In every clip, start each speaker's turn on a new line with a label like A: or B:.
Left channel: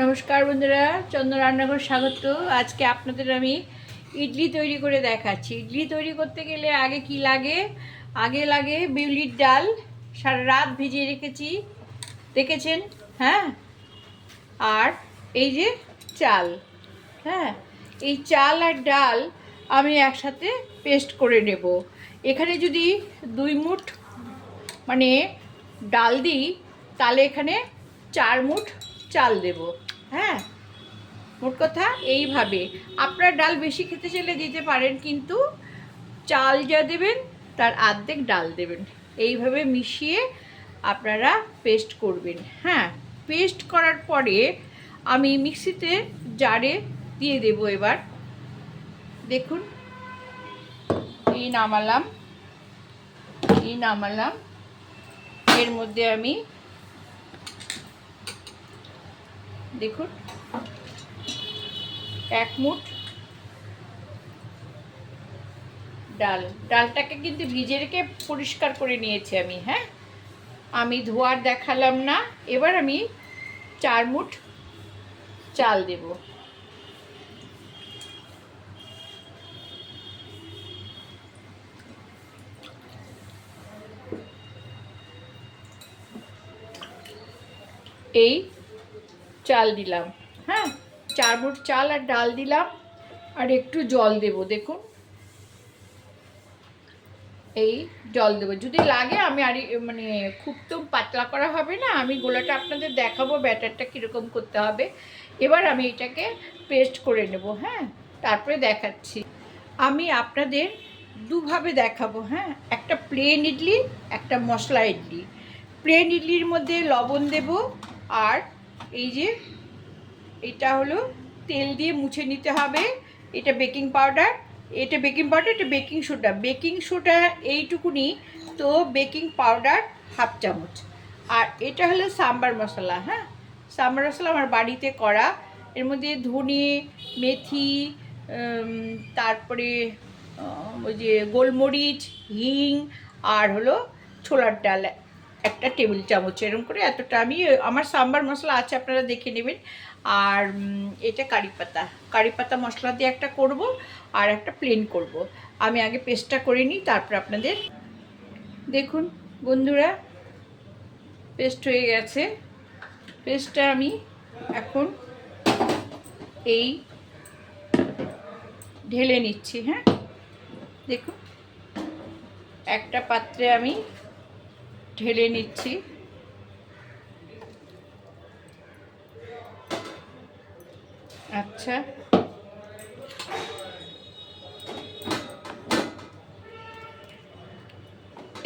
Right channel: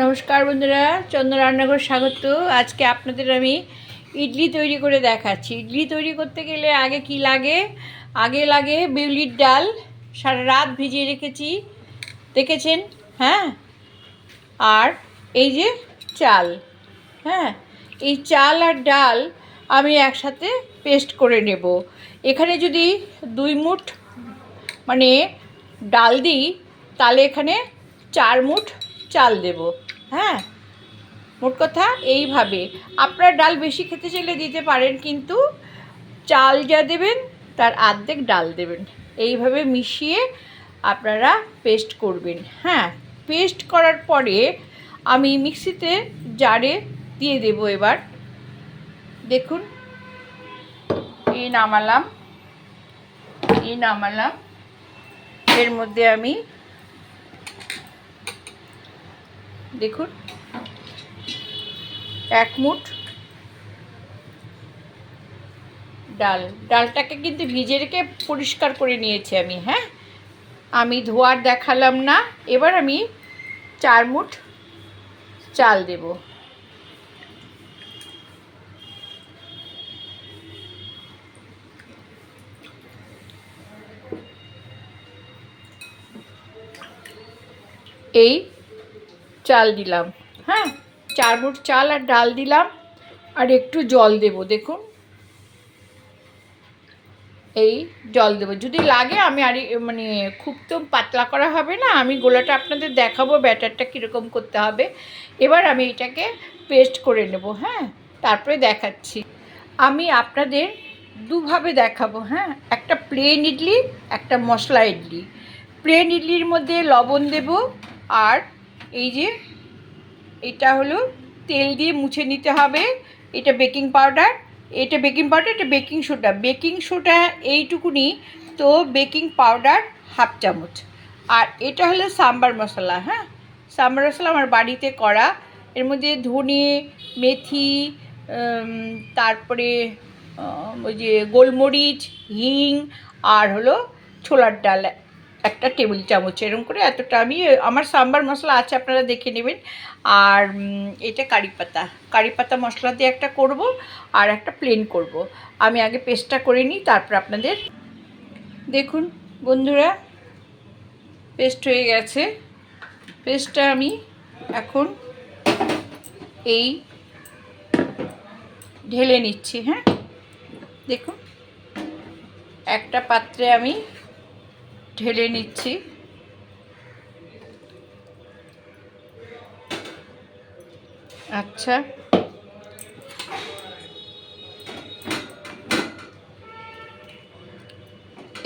A: নমস্কার বন্ধুরা চন্দ্র রান্নাঘর স্বাগত। আজকে আপনাদের আমি ইডলি তৈরি করে দেখাচ্ছি। ইডলি তৈরি করতে গেলে আগে কি লাগে? আগে লাগে বিউলির ডাল। সারা রাত ভিজিয়ে রেখেছি। দেখেছেন? হ্যাঁ? আর এই যে চাল। হ্যাঁ? এই চাল আর ডাল আমি একসাথে পেস্ট করে নেব। এখানে যদি দুই মুঠ মানে ডাল দিই, তাহলে এখানে চার মুঠ চাল দেব। হ্যাঁ? মোট কথা এইভাবে। আপনারা ডাল বেশি খেতে চাইলে দিতে পারেন, কিন্তু চাল যা দেবেন, তার আর্ধেক ডাল দেবেন। এইভাবে মিশিয়ে আপনারা পেস্ট করবেন। হ্যাঁ পেস্ট করার পরে আমি মিক্সিতে জারে দিয়ে দেব এবার। দেখুন, এই নামালাম এই নামালাম। এর মধ্যে আমি দেখুন। এক মুঠ ডাল। ডালটাকে কিন্তু ভিজে রেখে পরিষ্কার করে নিয়েছি আমি হ্যাঁ? আমি ধোয়ার দেখালাম না। এবার আমি চার মুঠ চাল দেব। এই চাল দিলাম। হ্যাঁ চার মুঠ চাল আর ডাল দিলাম আর একটু জল দেব, দেখুন। এই জল দেবো। যদি লাগে আমি আর মানে খুব তো পাতলা করা হবে না, আমি গোলাটা আপনাদের দেখাবো, ব্যাটারটা কীরকম করতে হবে। এবার আমি এটাকে পেস্ট করে নেব হ্যাঁ তারপরে দেখাচ্ছি। আমি আপনাদের দুভাবে দেখাবো হ্যাঁ একটা প্লেন ইডলি, একটা মশলা ইডলি। প্লেন ইডলির মধ্যে লবণ দেব আর এই যে, এটা হলো তেল দিয়ে মুছে নিতে হবে। এটা বেকিং পাউডার। এটা বেকিং পাউডার, এটা বেকিং সোডা। বেকিং সোডা এইটুকুনি তো বেকিং পাউডার হাফ চামচ। আর এটা হলো সাম্বার মশলা হ্যাঁ? সাম্বার মশলা আমার বাড়িতে করা। এর মধ্যে ধনে, মেথি তারপরে ওই যে গোলমরিচ, হিং, আর হলো ছোলার ডাল। একটা টেবিল চামচ এরকম করে, এতটা আমি, আমার সাম্বার মশলা আছে, আপনারা দেখে নেবেন। আর এটা কারি পাতা। কারি পাতা মশলা দিয়ে একটা করব আর একটা প্লেন করব। আমি আগে পেস্টটা করে নিই, তারপর আপনাদের দেখুন, বন্ধুরা পেস্ট হয়ে গেছে। পেস্টটা আমি এখন এই ঢেলে নিচ্ছি হ্যাঁ? দেখুন, একটা পাত্রে আমি ঢেলে নিচ্ছি। আচ্ছা।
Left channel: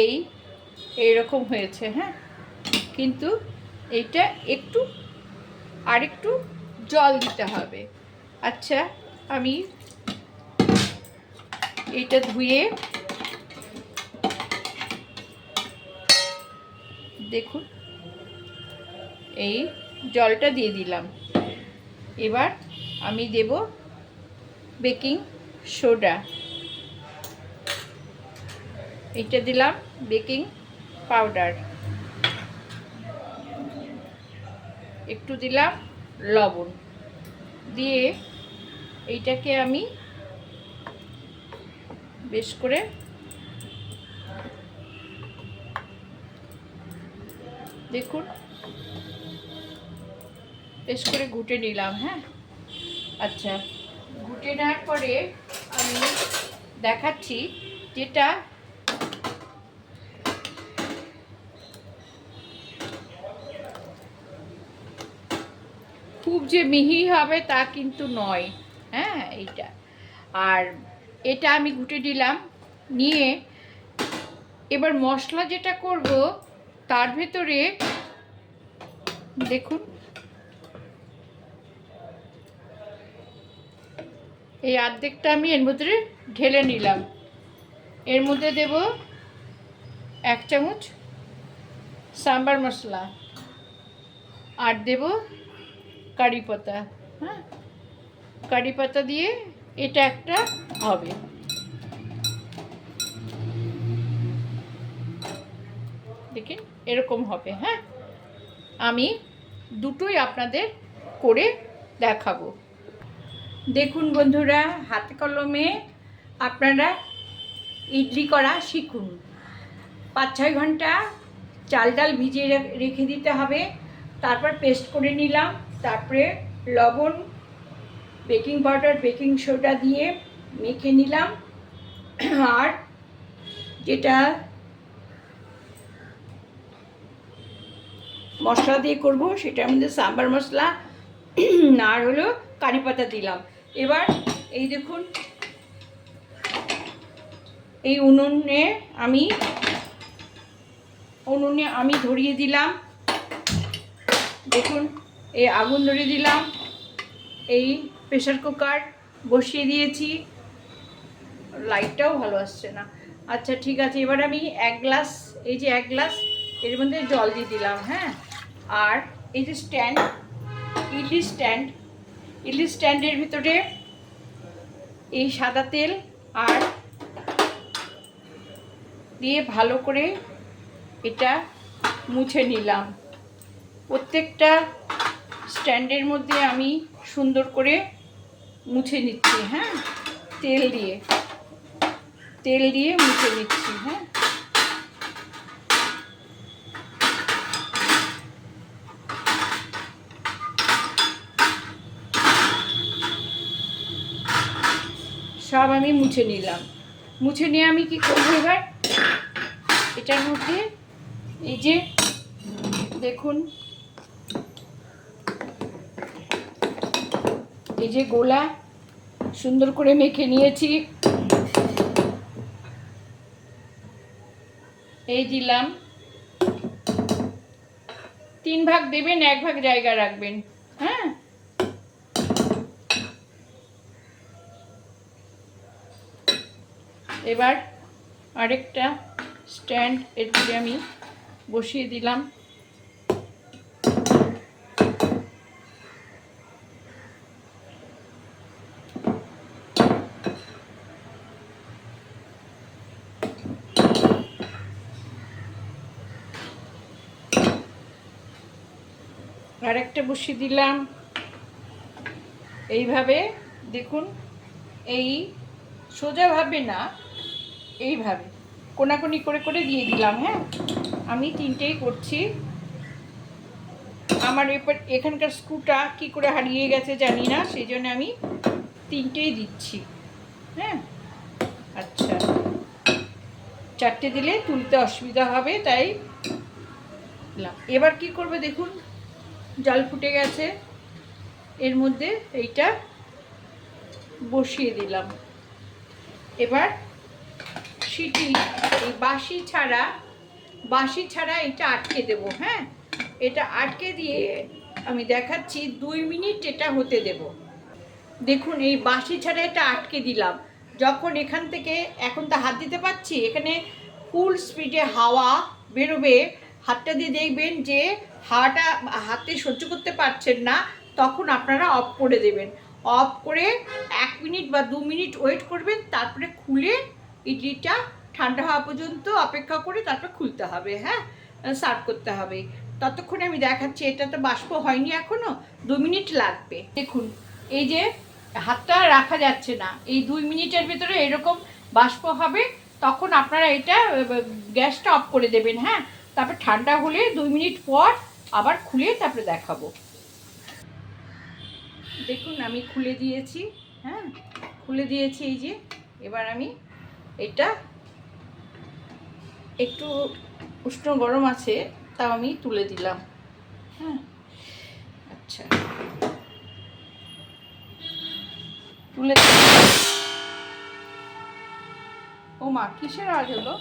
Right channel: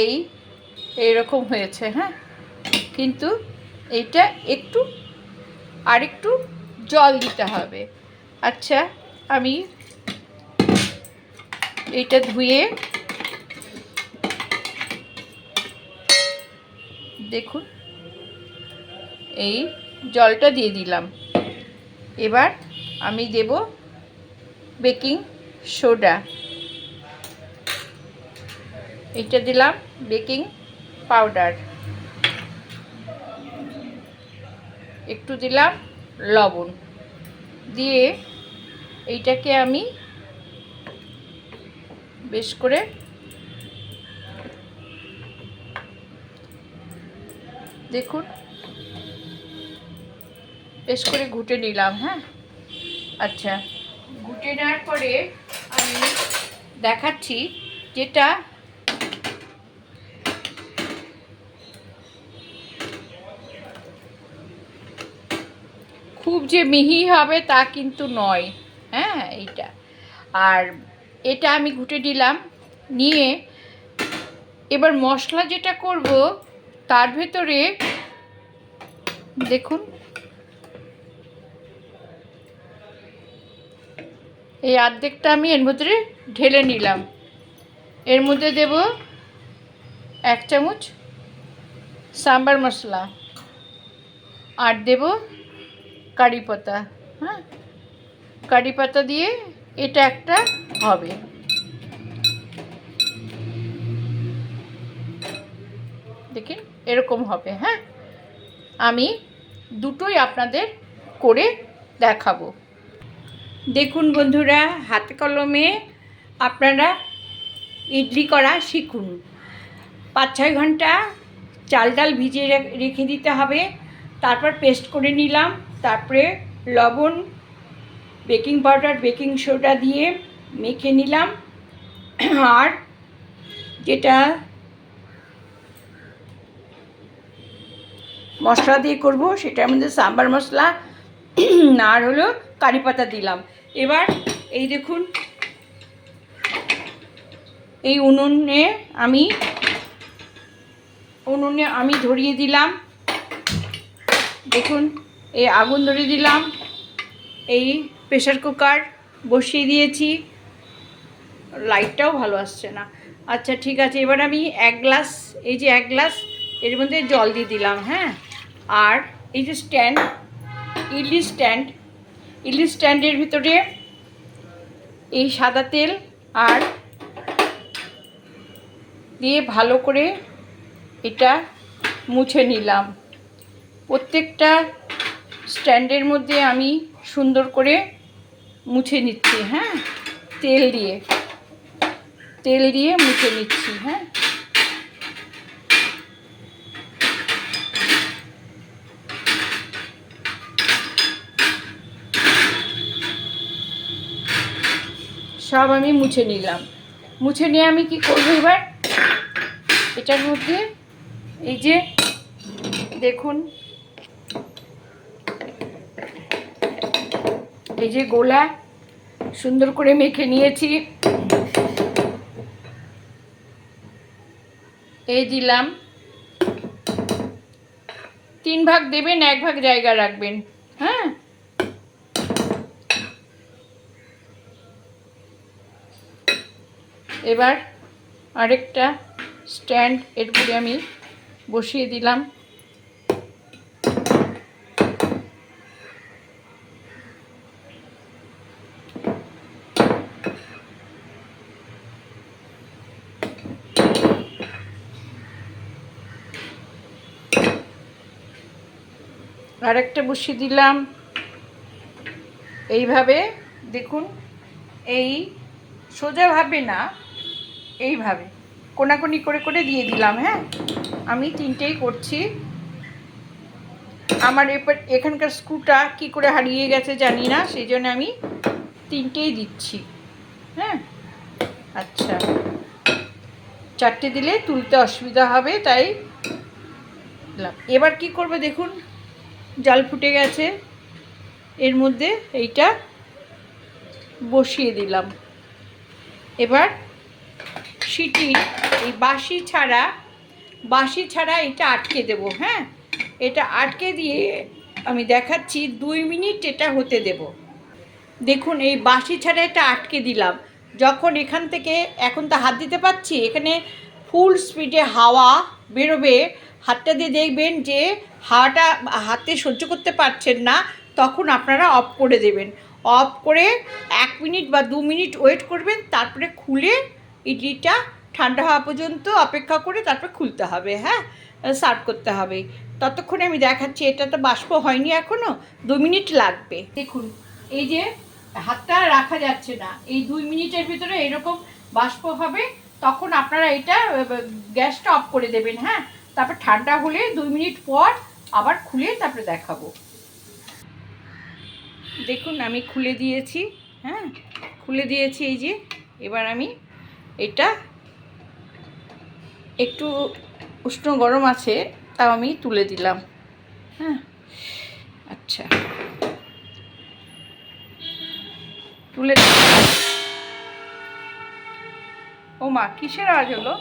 A: এই, এইরকম হয়েছে হ্যাঁ? কিন্তু এটা একটু, আরেকটু জল দিতে হবে। আচ্ছা আমি এটা ধুয়ে দেখুন, এই জলটা দিয়ে দিলাম। এবার আমি দেব বেকিং সোডা। এটা দিলাম বেকিং পাউডার। একটু দিলাম লবণ। দিয়ে এইটাকে আমি বেশ করে দেখুন। বেশ করে ঘুটে নিলাম হ্যাঁ? আচ্ছা ঘুটে নেওয়ার পরে আমি দেখাচ্ছি যেটা খুব যে মিহি হবে তা কিন্তু নয় হ্যাঁ এইটা। আর এটা আমি ঘুটে দিলাম নিয়ে এবার মশলা যেটা করব তার ভেতরে দেখুন। এই অর্ধেকটা আমি এর মধ্যে ঢেলে নিলাম। এর মধ্যে দেব এক চামচ সাম্বার মশলা আর দেব কারি পাতা হ্যাঁ? কারি পাতা দিয়ে এটা একটা হবে দেখি এরকম হবে হ্যাঁ? আমি দুটোই আপনাদের করে দেখাবো। দেখুন বন্ধুরা, হাতে কলমে আপনারা ইডলি করা শিখুন। পাঁচ ছয় ঘণ্টা চাল ডাল ভিজিয়ে রেখে দিতে হবে। তারপর পেস্ট করে নিলাম। তারপরে লবণ, বেকিং পাউডার, বেকিং সোডা দিয়ে মেখে নিলাম। আর যেটা মশলা দিয়ে করব, সেটার মধ্যে সাম্বার মশলা আর হলো কারি পাতা দিলাম। এবার এই দেখুন, এই উনুনে আমি উনুনে আমি ধরিয়ে দিলাম। দেখুন, এই আগুন ধরিয়ে দিলাম। এই প্রেশার কুকার বসিয়ে দিয়েছি। লাইটটাও ভালো আসছে না। আচ্ছা ঠিক আছে, এবার আমি এক গ্লাস, এই যে এক গ্লাস, এর মধ্যে জল দিয়ে দিলাম হ্যাঁ? আর এই যে স্ট্যান্ড ইডলি স্ট্যান্ড ইডলি স্ট্যান্ডের ভিতরে এই সাদা তেল আর দিয়ে ভালো করে এটা মুছে নিলাম। প্রত্যেকটা স্ট্যান্ডের মধ্যে আমি সুন্দর করে মুছে নিচ্ছি হ্যাঁ? তেল দিয়ে তেল দিয়ে মুছে নিচ্ছি হ্যাঁ? সব আমি মুছে নিলাম। মুছে নিয়ে আমি কি করব এবার? এটার মধ্যে এই যে, দেখুন। এই যে গোলা, সুন্দর করে মেখে নিয়েছি। এই দিলাম। তিন ভাগ দেবেন, এক ভাগ জায়গা রাখবেন। হ্যাঁ? এবার আরেকটা স্ট্যান্ড এর উপরে আমি বসিয়ে দিলাম। আরেকটা বসিয়ে দিলাম। এইভাবে দেখুন, এই সোজাভাবে না এইভাবে। কোনাকুনি করে করে দিয়ে দিলাম হ্যাঁ? আমি তিনটেই করছি। আমার এবার এখানকার স্ক্রুটা কি করে হারিয়ে গেছে জানি না, সেই জন্য আমি তিনটেই দিচ্ছি হ্যাঁ? আচ্ছা। চারটে দিলে তুলতে অসুবিধা হবে, তাই এবার কি করব দেখুন, জল ফুটে গেছে। এর মধ্যে এইটা বসিয়ে দিলাম। এবার সিটি এই বাঁশি ছাড়া বাঁশি ছাড়া এটা আটকে দেব হ্যাঁ? এটা আটকে দিয়ে আমি দেখাচ্ছি, দুই মিনিট এটা হতে দেব। দেখুন, এই বাঁশি ছাড়া এটা আটকে দিলাম। যখন এখান থেকে, এখন তো হাত দিতে পারছি, এখানে ফুল স্পিডে হাওয়া বেরোবে, হাতটা দিয়ে দেখবেন যে হাওয়াটা হাতে সহ্য করতে পারছেন না, তখন আপনারা অফ করে দেবেন। অফ করে এক মিনিট বা দু মিনিট ওয়েট করবেন, তারপরে খুলে ইডলিটা ঠান্ডা হওয়া পর্যন্ত অপেক্ষা করে তারপর খুলতে হবে হ্যাঁ? সার্ভ করতে হবে। ততক্ষণে আমি দেখাচ্ছি এটা তো বাষ্প হয়নি এখনও দু মিনিট লাগবে। দেখুন, এই যে হাতটা রাখা যাচ্ছে না, এই দুই মিনিটের ভিতরে এরকম বাষ্প হবে, তখন আপনারা এটা গ্যাসটা অফ করে দেবেন হ্যাঁ? তারপর ঠান্ডা হলে দুই মিনিট পর আবার খুলে তারপরে দেখাবো। দেখুন, আমি খুলে দিয়েছি হ্যাঁ? খুলে দিয়েছি এই যে, এবার আমি এটা একটু উষ্ণ গরম আছে, তাও আমি তুলে দিলাম। হ্যাঁ আচ্ছা। তুলে ও মা, কিসের আওয়াজ হলো?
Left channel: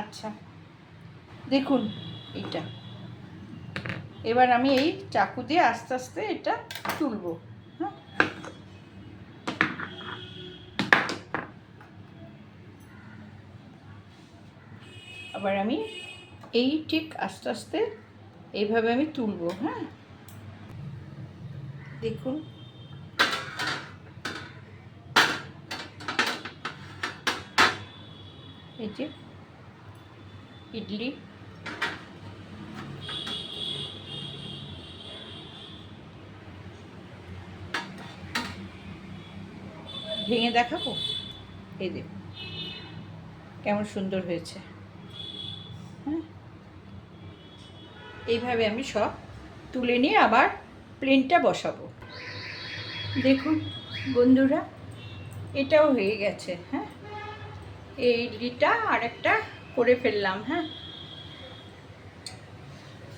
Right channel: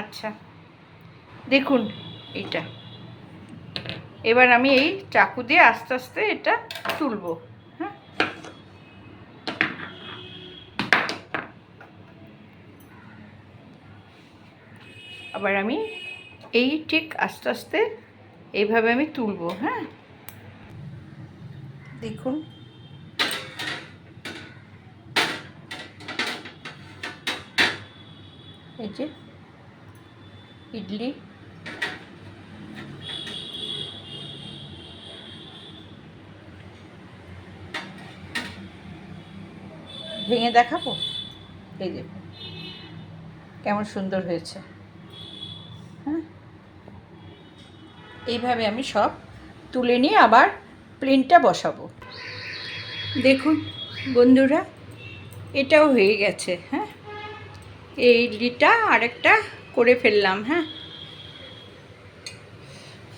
A: আচ্ছা দেখুন এইটা। এবার আমি এই চাকু দিয়ে আস্তে আস্তে এটা তুলবো। আবার আমি এই ঠিক আস্তে আস্তে এইভাবে আমি তুলব হ্যাঁ? দেখুন। এই যে ইডলি। ভেঙে দেখাবো? এই দেখুন, কেমন সুন্দর হয়েছে। এইভাবে আমি সব তুলে নিয়ে আবার প্লেনটা বসাবো। দেখুন বন্ধুরা, এটাও হয়ে গেছে হ্যাঁ? এই ইডলিটা আরেকটা করে ফেললাম হ্যাঁ?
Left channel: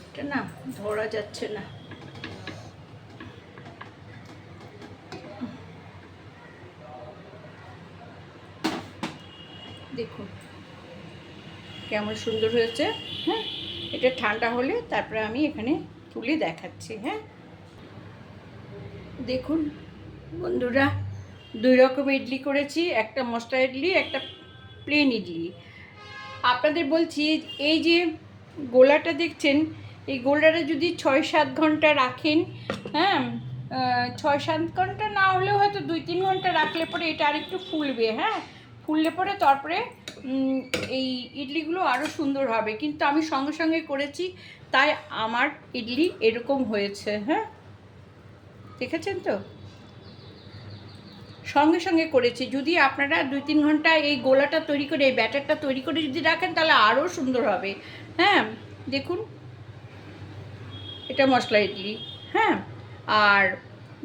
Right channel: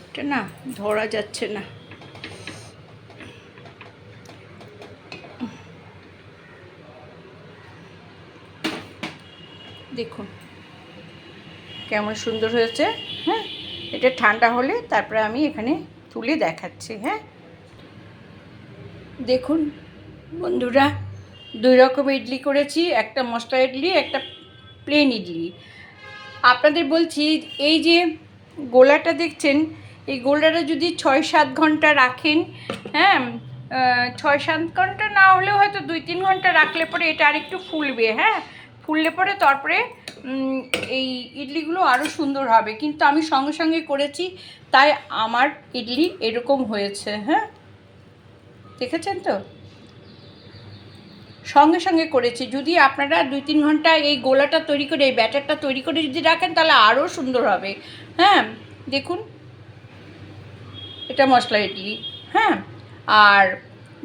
A: এটা না, ধরা যাচ্ছে না। দেখুন, কেমন সুন্দর হয়েছে হ্যাঁ? এটা ঠান্ডা হলে তারপরে আমি এখানে তুলে দেখাচ্ছি হ্যাঁ? দেখুন বন্ধুরা, দুই রকম ইডলি করেছি, একটা মশলা ইডলি, একটা প্লেন ইডলি। আপনাদের বলছি, এই যে গোলাটা দেখছেন, এই গোলাটা যদি ছয় সাত ঘণ্টা রাখেন হ্যাঁ ছয় সাত ঘণ্টা না হলেও হয়তো দুই তিন ঘণ্টা রাখলে পরে এটা আরেকটু ফুলবে হ্যাঁ? ফুললে পরে তারপরে এই ইডলিগুলো আরও সুন্দর হবে। কিন্তু আমি সঙ্গে সঙ্গে করেছি, তাই আমার ইডলি এরকম হয়েছে হ্যাঁ? দেখেছেন তো? সঙ্গে সঙ্গে করেছি। যদি আপনারা দুই তিন ঘণ্টা এই গোলাটা তৈরি করে, এই ব্যাটারটা তৈরি করে যদি রাখেন, তাহলে আরও সুন্দর হবে। হ্যাঁ? দেখুন। এটা মশলা ইডলি হ্যাঁ? আর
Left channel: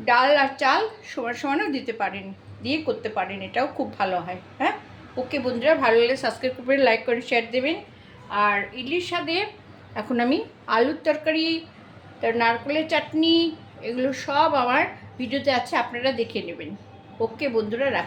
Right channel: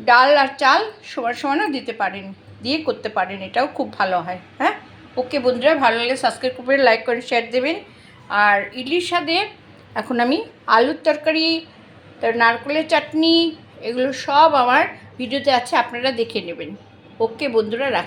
A: ডাল আর চাল সমান সমানও দিতে পারেন। দিয়ে করতে পারেন, এটাও খুব ভালো হয় হ্যাঁ? ওকে বন্ধুরা, ভালো লাগলে সাবস্ক্রাইব করবেন লাইক করে শেয়ার দেবেন। আর ইডলির স্বাদে এখন আমি আলুর তরকারি, তার নারকলের চাটনি, এগুলো সব আমার ভিডিওতে আছে, আপনারা দেখে নেবেন। ওকে বন্ধুরা রাখ